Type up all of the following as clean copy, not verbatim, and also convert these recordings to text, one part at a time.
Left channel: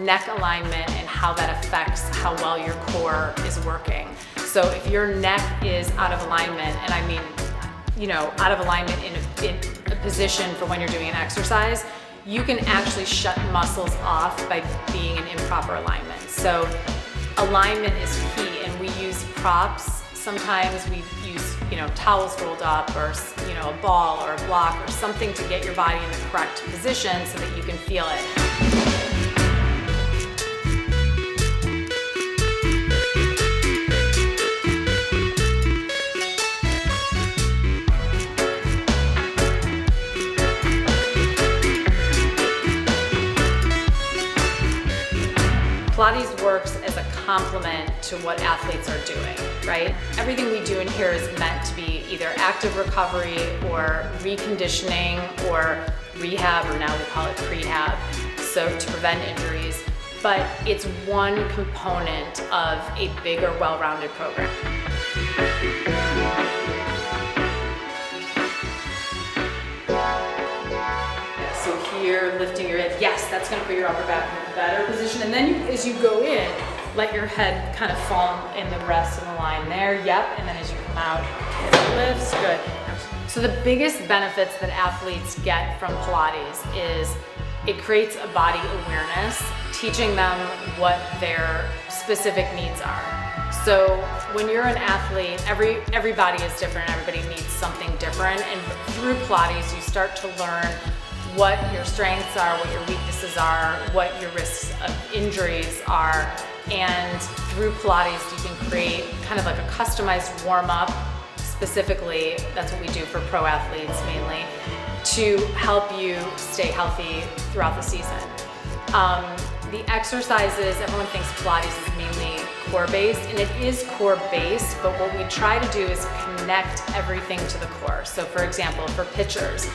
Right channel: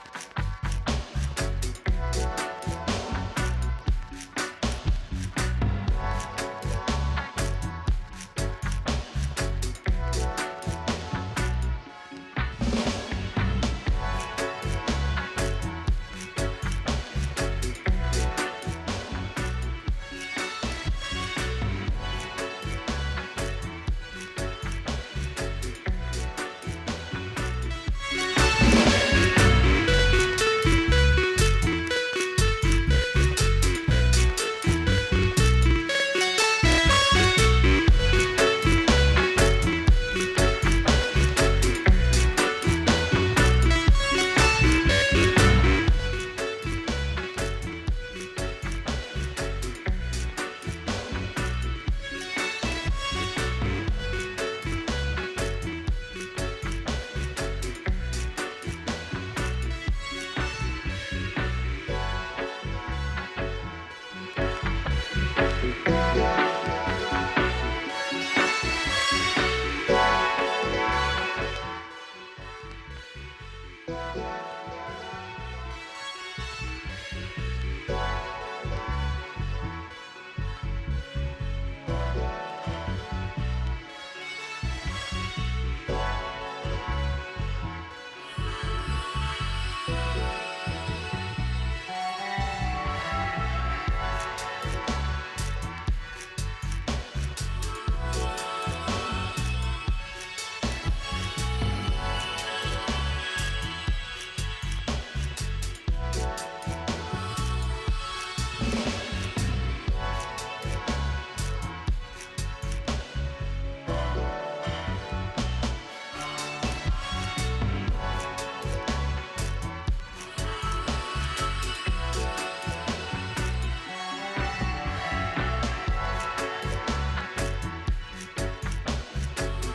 neck alignment and how that affects how well your core is working. So if your neck is out of alignment, and I mean, out of alignment in a position for when you're doing an exercise, you can actually shut muscles off by being in improper alignment. So alignment is key, and we use props. Sometimes we use, towels rolled up, or a ball or a block or something to get your body in the correct position so that you can feel it. Pilates works as a complement to what athletes are doing, right? Everything we do in here is meant to be either active recovery or reconditioning or rehab, or now they call it prehab, so to prevent injuries. But it's one component of a bigger, well-rounded program. So here, lifting your head, yes, that's gonna put your upper back in a better position. And then as you go in, let your head kind of fall in the rest of the line there. Yep, and then as you come out, it lifts, good. So the biggest benefits that athletes get from Pilates is it creates a body awareness, teaching them what their specific needs are. So when you're an athlete, every body is different, everybody needs something different, and through Pilates you start to learn what your strengths are, what your weaknesses are, what your risks of injuries are, and through Pilates you can create kind of like a customized warm-up. Specifically, that's what we do for pro athletes mainly, to help you stay healthy throughout the season. The exercises, everyone thinks Pilates is mainly core-based, and it is core-based, but what we try to do is connect everything to the core. So for example, for pitchers,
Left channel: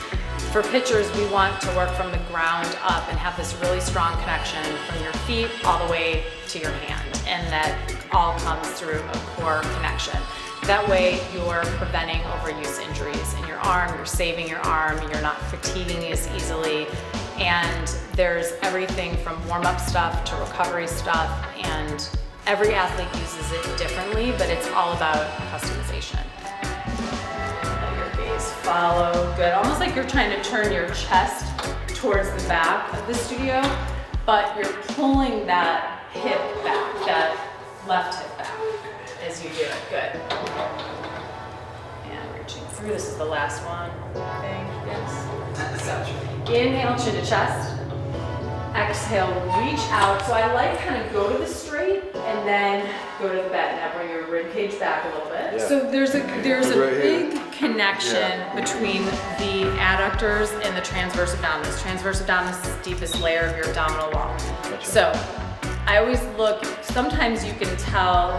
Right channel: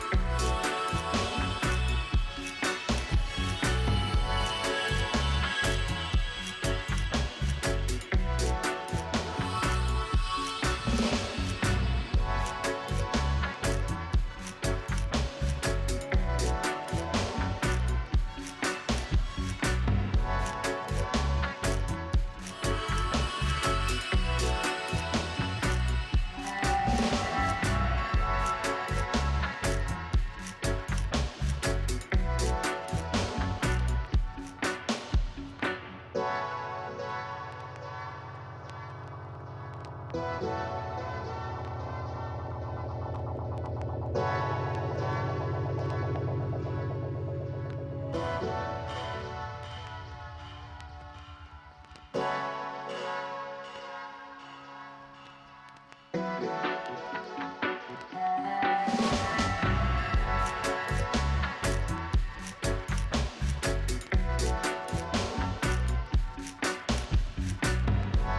we want to work from the ground up and have this really strong connection from your feet all the way to your hand, and that all comes through a core connection. That way you're preventing overuse injuries in your arm, you're saving your arm, you're not fatiguing as easily, and there's everything from warm-up stuff to recovery stuff, and every athlete uses it differently, but it's all about customization. Base follow, good. Almost like you're trying to turn your chest towards the back of the studio, but you're pulling that hip back, that left hip back as you do it, good. And reaching through, this is the last one, I think. So, inhale, chin to chest. Exhale, reach out. So I like kind of go to the straight and then go to the back. Now bring your rib cage back a little bit. Yeah. So there's a big connection between the adductors and the transverse abdominis. Transverse abdominis is the deepest layer of your abdominal wall. So I always look, sometimes you can tell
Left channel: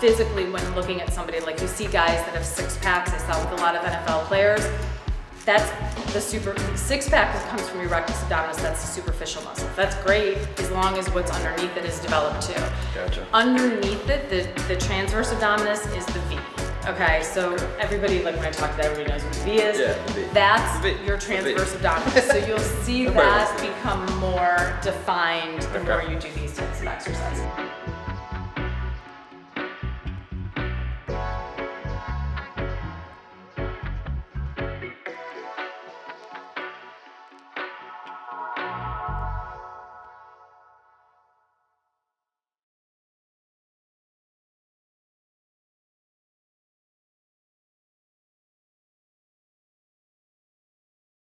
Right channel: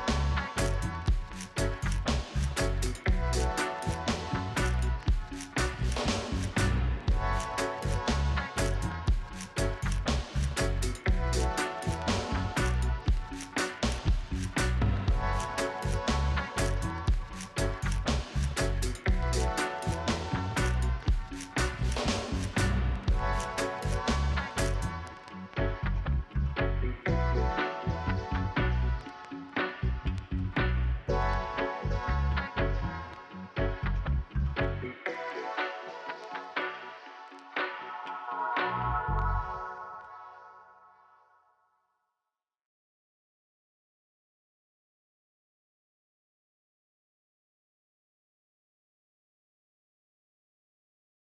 physically when looking at somebody, like you see guys that have six packs, I saw with a lot of NFL players. That's the six pack that comes from your rectus abdominis, that's the superficial muscle. That's great as long as what's underneath it is developed too. Gotcha. Underneath it, the transverse abdominis is the V. Okay, so everybody, like when I talk about everybody knows what the V is. Yeah, the V. That's V. your transverse abdominis. So you'll see that become more defined the more you do these types of exercises.